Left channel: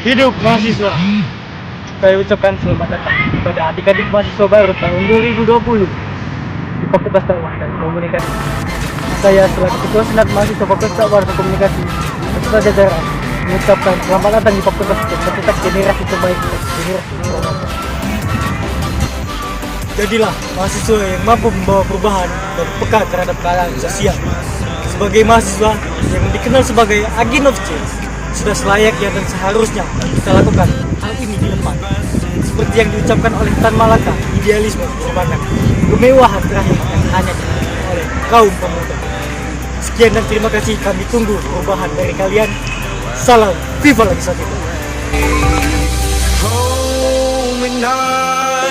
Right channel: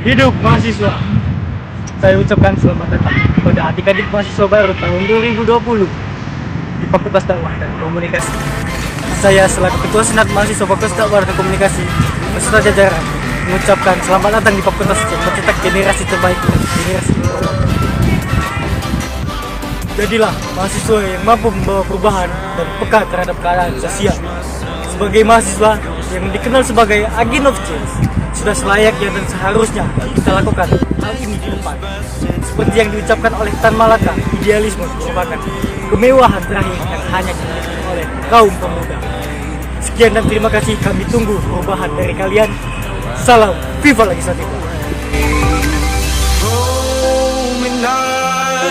Hidup mahasiswa. Saya ucapkan selamat datang kepada adik-adik mahasiswa baru tahun 2020 di Fakultas Dakwah dan Komunikasi. Saya selaku Ketua Senat Mahasiswa Fakultas Dakwah dan Komunikasi beserta jajaran mengucapkan selamat datang di fakultas yang mencetak generasi terbaik dan generasi terbaik. Jadilah mahasiswa yang mampu membawa perubahan dan peka terhadap keadaan sosial. Sebagai mahasiswa yang dikenal sebagai agent of change, sudah selayaknya dan seharusnya kita lakukan hal ini di depan. Seperti yang diucapkan oleh Tan Malaka, idealisme merupakan kemewahan terakhir yang hanya dimiliki oleh kaum pemuda. Sekian dan terima kasih, kami tunggu perubahan dari kalian. Salam Viva Legislativa.